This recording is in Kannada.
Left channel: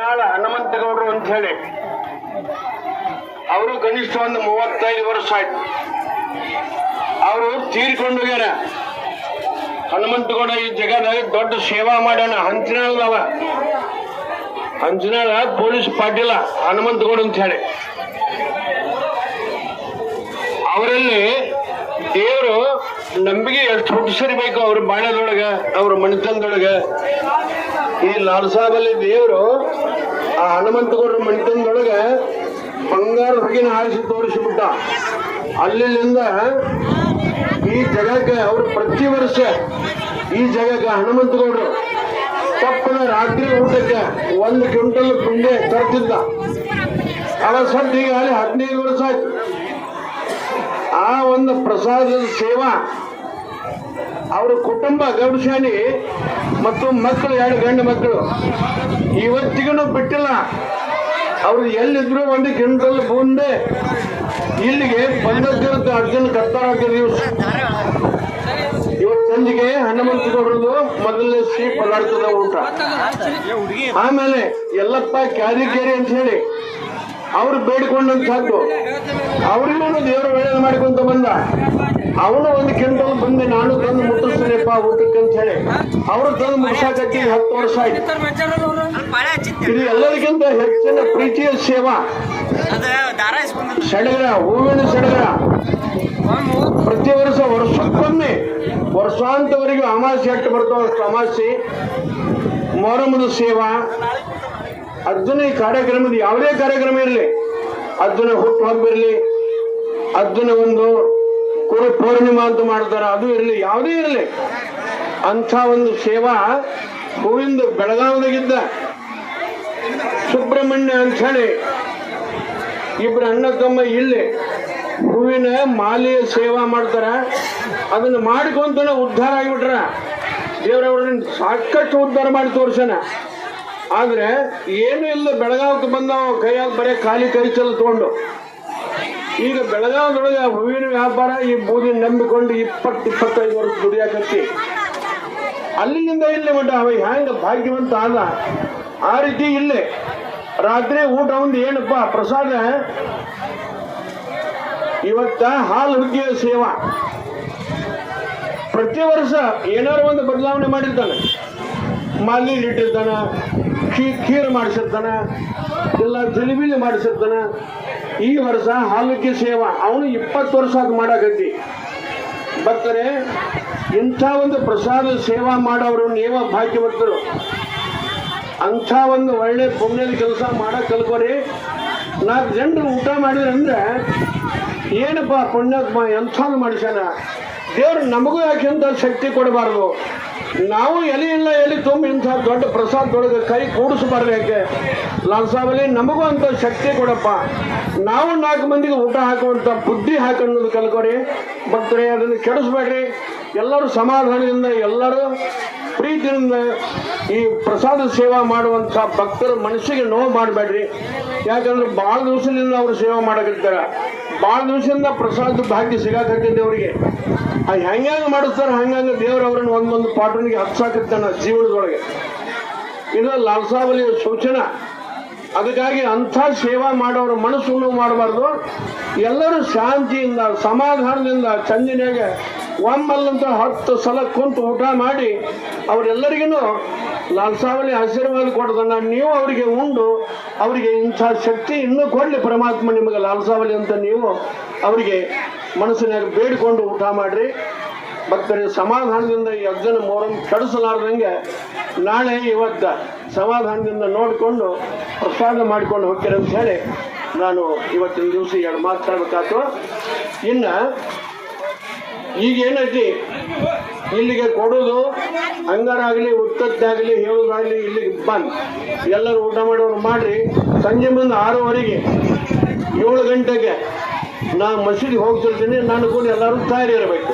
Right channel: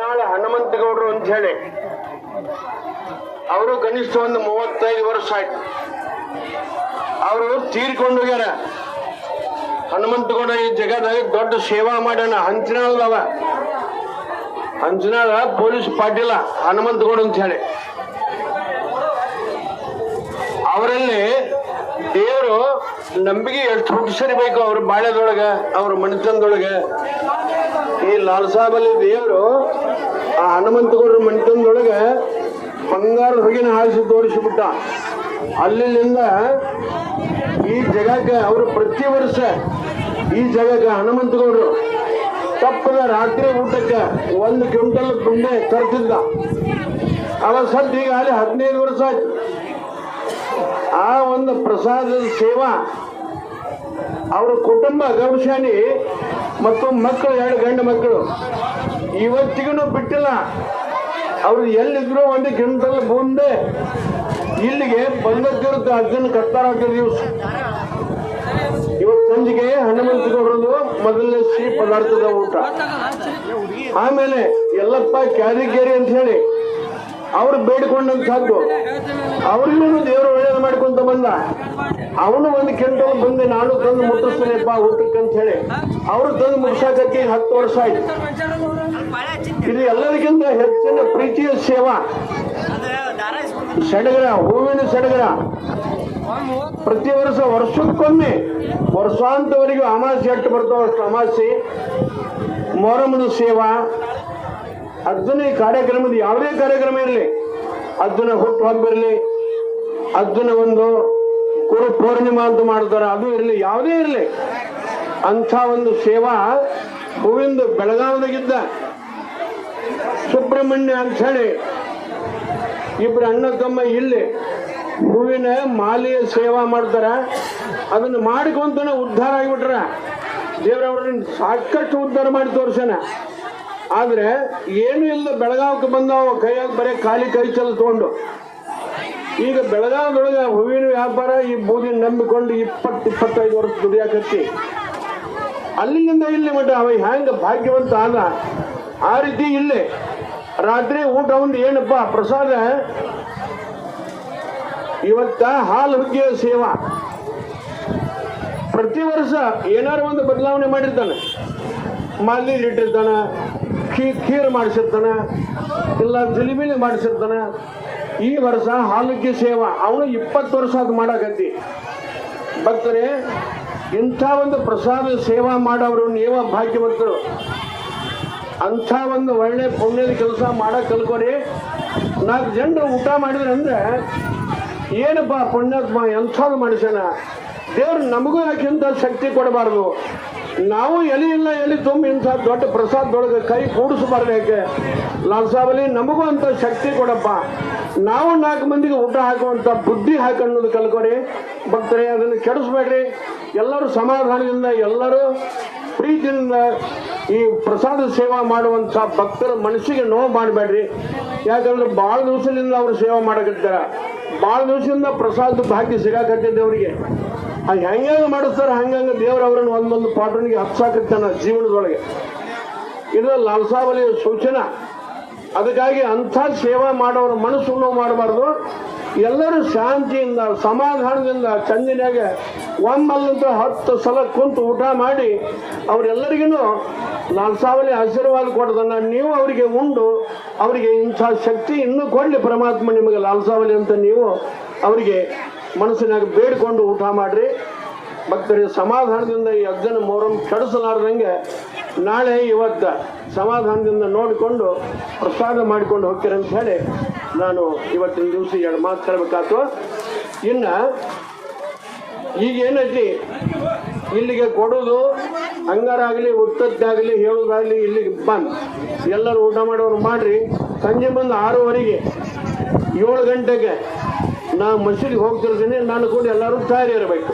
ನಾಳೆ ಹನುಮಂತಗೌಡರು ಅಂತ ಹೇಳಿ ಅವರು ಕನಿಷ್ಠ ಒಂದು 35 ವರ್ಷ ಆಯ್ತು. ಅವರು ತೀರ್ಕೊಂಡು ಹೋಗ್ಯಾರ. ಹನುಮಂತಗೌಡ ಈ ಜಗದಾಗ ದೊಡ್ಡ ಸೇವಾ ಮಾಡ್ಯಾನ. ಹಂಚನಾಳ ಪೊಲೀಸ್ ಪಾಟೀಲ ಹನುಮಂತಗೌಡ ಅಂತ ಹೇಳಿ ಅವರಲ್ಲಿ ದೇವರು ನಂಬಿಕೆ ಎಷ್ಟು ಹುಟ್ಟಿಸಿರ್ಬೇಕು ಅವ್ರ ಬಾಳ್ಯದೊಳಗ, ಅವ್ರ ಮನೆತನದೊಳಗೆ. ಈ ಲಾಲ್ ಸಾಬಲ್ಲಿ ದೇವರು ಆ ಹನುಮಂತಗೌಡರ ಮನೆತನದೊಳಗೆ ಬಂಗಾರ ಹೊರಗಿನ ಹಾರಿಸಿ ತೋರಿಸಿಬಿಟ್ಟ. ಅಲ್ಲಿಂದ ಈ ಜಗಕ್ಕೆ ಅವರು ಪ್ರತಿ ವರ್ಷ ಈ ಜಗಕ್ಕೆ ಹನುಮಂತಗೌಡರು ತಪ್ಪನ ರಾತ್ರಿ ಊಟಕ್ಕೆ 1 ಕ್ವಿಂಟಲ್ ಪುಣ್ಯ ತರ್ತಿದ್ದ. ಅದ ಸದ್ ಈಗ 15 ವರ್ಷ ಆಯ್ತು. ಆ ಒಂದು ಪ್ರಸಾದದ ಸೇವಾ ಅವರ ಕುಟುಂಬ ಗೌಡಶಾನಿ ಮತ್ತು ಮಕ್ಕಳು 2 ಗಂಡು ಮಕ್ಕಳು ಇವತ್ತಿಗೂ ಬಿಟ್ಟಿಲ್ಲ. ಅವ್ರು ಎಲ್ಲಿದ್ರು 1 ಕ್ವಿಂಟಲ್ ಬೂಂದೆ ಇಲ್ಲಿಗೆ ಬಂದಕ್ಕಿರುತ್ತೆ. ಅರ್ಜುನ ಕತ್ತಾರ ದಿವಸ ಇವತ್ತು ಸಂಜೆಗೆ ಹನುಮಂತಗೌಡರದು ಮೊದಲನೇ ಸಿಹಿ ಪದಾರ್ಥದ ಊಟ. ಆಮೇಲೆ ಯಲ್ಲಪ್ಪ ಕ್ಯಾರಿಗೇರಿ ಅಂತ ಹೇಳಿ ಅವ್ರು ಬೇಡಿಕೊಂಡಂತಹದ್ದು. ಅವ್ರಿಗೂ ದೇವರು ಒಳ್ಳೇದು ಮಾಡ್ಕೊಂತ ಬಂದ. ಅವನು 1 ಕ್ವಿಂಟಲ್ ಬಂದೆ ನಾನು ತಂದು ಮುಟ್ಟಿಸ್ತೀನಪ್ಪ ಊಟಕ್ಕೆ ಅಂತ ಹೇಳಿ ಅವ್ರು ತಂದು ಮುಗಿಸಾಕಿ 10 ವರ್ಷ ಆಯ್ತು. ಇದು ಎಲ್ಲರಿಗಿಂತ ಹೆಚ್ಚಿನ ಪ್ರೀತಿಯ ಸೇವಾ. ಸಡಗರ, ಹೂವಿನ ಸಡಗರ ಪ್ರತಿ ವರ್ಷಕ್ಕೊಮ್ಮೆ ವರ್ಷಾಂತವರೆಗೂ ಅಮಾವಾಸ್ಯೆ ಅಟ್ಟು ಬರ್ತಾವ. ಅಮಾವಾಸ್ಯೆ, ಮೊಹರಮದ ಸೇವಾ, ಅರ್ಜುನ ಈ ಕಾರ್ಯಕ್ರಮದ ಯಾವುದೇ ಕಾರ್ಯಕ್ರಮ ಇರಲಿ, ಅರ್ಜುನ ಹುಟ್ಟು ಹಬ್ಬಿರಲಿ, ಅರ್ಜುನ ಒಂದು ಕುರು ಪೂರ್ಣಿಮಾ ಅಂತ ಮಾಡ್ತಾರೆ, ಅದು ಇರಲಿ, ಯಾವುದೇ ಇರಲಿ, ಅಂಥ ಒಂದು ಸೇವಾ ಗೋವಿಂದ ಬೆಳಗಾವದಾಗಿದ್ದ ಸುಬ್ರಹ್ಮಣ್ಯ ಅಂತ ಹೇಳಿ ಇಬ್ರು ಅಣ್ಣ ತಮ್ಮ ಇಲ್ಲಿ ಹೂವಿನ ಮಾಲೆಯ ಸೇವಾ ಮಾಡ್ತಾರ. ಅದನ್ನ ಮಾಡ್ಕೊಂತಾನೆ ಉದ್ಧಾರ ಆಗಿಬಿಟ್ರ. ದೇವರವ್ರನ್ನ ಸಾಕಷ್ಟು ಉದ್ಧಾರ ಮಾಡಿ ತೋರ್ಸನ. ಆದ್ರೆ ಏನು ಇಲ್ಲ, ಬೆಳಗಾವಕ್ಕೆ ಬಂದವ ಕೈಯಾಗ ಬರೀ ಖಾಲಿ ಕೈ ಚಲ ತಗೊಂಡು. ಈಗ ಬೆಳಗಾವದೊಳಗೆ ಹೂವಿನ ವ್ಯಾಪಾರ ಈ ಬೂದಿ ನಂಬಿಕೊಂಡು 20-25 ವರ್ಷ ದುಡಿಯಾಕತ್ತಿ. ಅಲ್ಲಿಂದ ಇಲ್ಲಿ ಮಟ್ಟ ಅವ ಹ್ಯಾಂಗ ಭಾಗ್ಯವಂತ ಆದ. ಆ ರೀತಿ ಇಲ್ಲೇ ರಾತ್ರಿ ಊಟ ಒಂದು ಏನಪ್ಪ ಪ್ರಸಾದ. ಇವತ್ತ ಹಾಲು ಹುಗ್ಗಿಯ ಸೇವಾ ಪ್ರತಿ ವರ್ಷ ಏನಾರು ಒಂದು ಬದಲಾವಣೆ ಮಾಡಿರ್ತಾನೆ. ಮಾಲಿ ಇಟ್ಟಿರ್ತಾನ, ಖೀರ್ ಮಾಡಿಸಿರ್ತಾನ, ಇಲ್ಲ ಜಿಲಿಬಿಲಿ ಮಾಡಿಸಿರ್ತಾನ. ಈ ವರ್ಷ ಹಾಲುಗ್ಗಿ ಸೇವಾ ಅವನು 20 ವರ್ಷ ಅದು ಮಾಡಾಕತ್ತಿ. ಬರ್ತಾರೆ ಇಂಥ ಒಂದು ಪ್ರಸಾದ ಸೇವಾ ಮಾಡೋರು ನೇವ ಭಾಗ್ಯವಂತರು. ಅಂಥ ಒಂದು ಒಳ್ಳೆ ಪುಣ್ಯದ ಕೆಲಸ ಮಾಡಕ್ ಕಲ್ಕೋರಿ. 4 ಜನರು ಊಟ ಮಾಡಿದ್ರಂದ್ರೆ ಏನಪ್ಪ ಪುಣ್ಯಾತ್ಮ ಎಂಥದ್ದು ಮನುಷ್ಯನ. ದೇವ್ರು ನಮಗೂ ಯಾಕೆ ಅಂತ ಶಕ್ತಿ ಕೊಡಬಾರ್ದು. ನಾವು ಎಲೆ ತುಂಬಿ ಇಂಥ ದೊಡ್ಡ ಪ್ರಸಾದದೊಳಗೆ ಕೈ ಕೂಡಿಸಬಾರ್ದು. ಯಾಕೆ ಲಾಲ್ ಸಾಬಲ್ಲಿ ನಮಗೂ ಅಂತ ಶಕ್ತಿ ಕೊಡಪ್ಪ. ನಾವು 4 ಮಂದಿಗೆ ಊಟ ಹಾಕುವಂತ ಬುದ್ಧಿ ಹಾಕೋದು ಕಲ್ಕೋರಿ. ಭಕ್ತರೇ ಅದನ್ನು ಕೆಡಿಸ್ಬೇಡ್ರಿ. ಎಲ್ಲರೂ ಸಮಾಧಾನದಿಂದ, ಎಲ್ಲರೂ ಪ್ರೀತಿಯಿಂದ ಈ ಪ್ರಸಾದ ಸೇವಾ ಮಾಡುವಂತ ಭಕ್ತರ ಮನಸ್ಸಿಗೆ ನೋವು ಮಾಡಬೇಡ್ರಿ. ಯಾಕಂದ್ರೆ ಭಾಳ ದಿವಸದಿಂದ ಅವರು ಸೇವಾ ಮಾಡಕತ್ತಾರ. ಭಾಳ ದಿವಸದಿಂದ ಪ್ರಸಾದ ಭಾಗ್ಯ ಸಿಗಾಕತ್ತಿದ್ದೆ ಅವರಿಗೆ. ಹೆಂಗ ಮಾಡಿಸ್ತಾರೆ ಹಂಗಂಗ ದೇವರವ್ರನ್ನ ಒಂದೊಂದು ಪಾಠನಿಗೆ ಹಚ್ಚಾಕತ್ತಾನ ಜೀವನದೊಳಗೆ. ಇದು ಲಾಲ್ ಸಾಬಲ್ಲಿ ಸೂಚನಾ. ಅದಕ್ಕಾಗಿ ಅಂಥ ಸೇವಾ ಮಾಡೋರು ಮನಸ್ಸು ನೋವು ಮಾಡಬಾರ್ದು. ಎಲ್ಲರೂ ಶಾಂತಿಯಿಂದ, ಸಮಾಧಾನದಿಂದ ಚಂದಿನಾಗ ಒಮ್ಮಲ್ಲಂತ 10 ಸಲ ಕುಂತು ಊಟ ಮಾಡಿ ಅವರೆಲ್ಲರಿಗೂ ಲಾಲ್ ಸಾಬಲ್ಲಿ ಆಶೀರ್ವಾದ ಕೊಡ್ತಾನ. ನೀವು ಅವರಿಗೆ ಉಂಡು ಅವರಿಗೆ ಇಂಥ ಶಕ್ತಿ ಇನ್ನೂ ಕೊಡಲಿ ಪರಮಾತ್ಮ ನಿಮಗೆ ಲಾಲ್ ಸಾಬಲ್ಲಿ ಅಂತ ನೀವು ಅವರಿಗೆ ಮನಸ್ಸಿನಾಗ ಬೇಡಿಕೊಂಡು ಊಟ ಮಾಡ್ರಿ. ಭಕ್ತರಿಗೆ ಸಮಾಧಾನದಿಂದ ಈ ಅಜ್ಜನ ಮೊಹರಂ ಕೆಡಿಸಲಾರ್ದಂಗೆ ನಾಳೆ ಇವತ್ತ ಸಮಾಧಾನದಿಂದ ನೋಡಿಕೊಂಡು ಪ್ರಸಾದ ಮಾಡಿಕೊಂಡು ಹೋಗ್ತೀರ ಅಂತ ಹೇಳಿ ನಾನು ಇವತ್ತಿನ ದಿವಸ 2 ಮಾತಾಡಬೇಕಾಯ್ತು. ಇನ್ನು ಈಗೇನೈತಿ ಇಲ್ಲಿಗೆ ಕೊಡೋದು ಹಂಗಾರಾಗಲಿ, ಉತ್ತತ್ತಾಗಲಿ, ಹೇಳೋದಾಗಲಿ ಇಲ್ಲಿಗೆ ಬಂದು ಎಲ್ಲರೂ ಊಟ ಮಾಡೋರು ಮಾಡ್ರಿ. ಸಂಜೆ ಮುಂದೆ 6:30ಗೆ 7 ಗಂಟೆಗೆ ನಾ ಮಸೀದಿಗೆ ಹೋಗ್ತಿರ್ತೀನಿ. ನಾನು ಕೂಡ ಎಲ್ಲರೂ ತಯಾರಿ ಇರಬೇಕು.